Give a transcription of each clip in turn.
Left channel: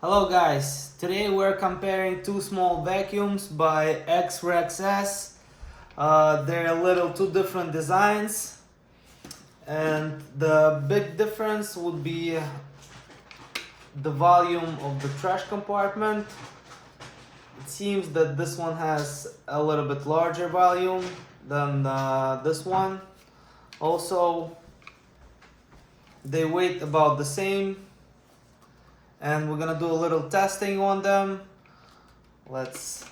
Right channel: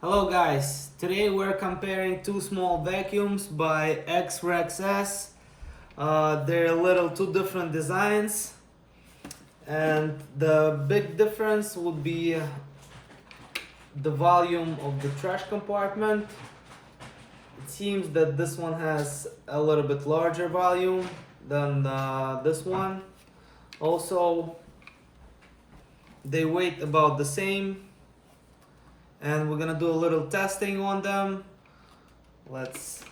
Hello guys, today we're comparing two small vacuums by XREXS. They're a little two different designs, and the big difference would be the volume of the trash compartment. It seems that this one has a little bit larger volume than this one. Also, they weigh about the same, and we're gonna do a little testing on them. Let's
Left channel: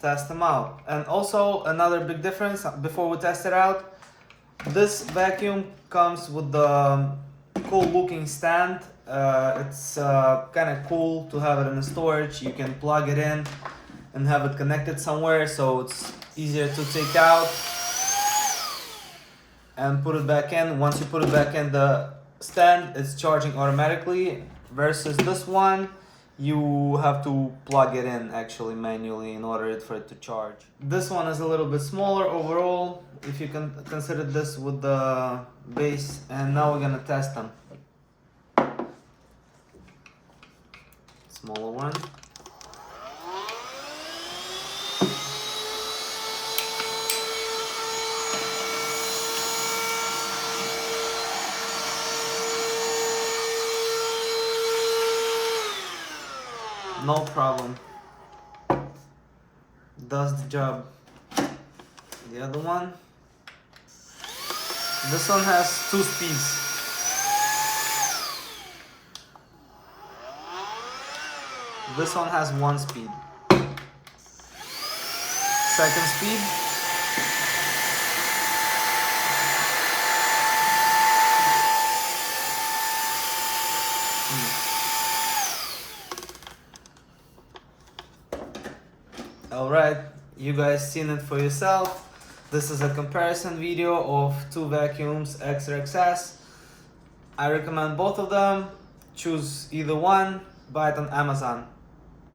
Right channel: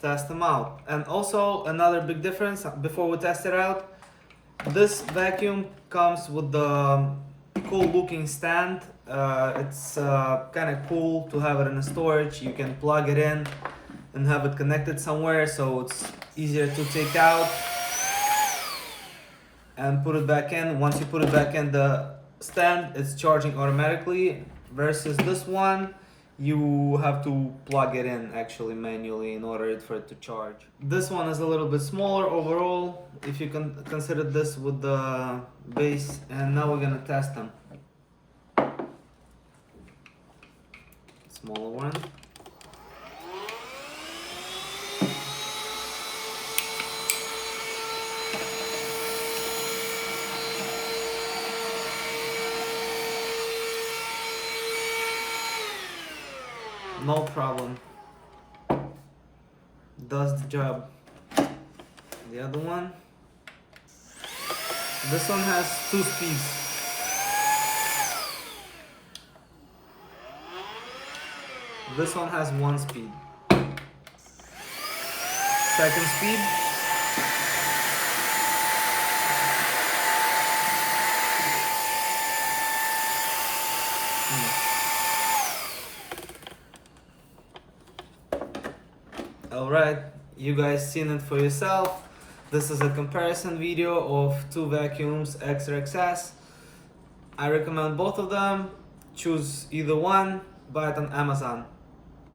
test them out. And also another big difference before we test it out, this vacuum comes with the cool looking stand. It's kind of cool to have it in the storage. You can plug it in and have it connected somewhere, so it's easier to take out and put it back in. Once you put it back in the stand, it's charging automatically, versus this one you have to plug it in actually manually in order for it to charge. This one is a little bit smaller overall if you can consider this with the base, and now we're gonna test them. Smaller one. No problem. Does the job. The other one. This one has 2 speeds. This one has 1 speed. Second speed. Alright, you guys seen it for yourself. This is a comparison video of two vacuums, XREXS. I recommend both of them. Choose either one, buy it on Amazon.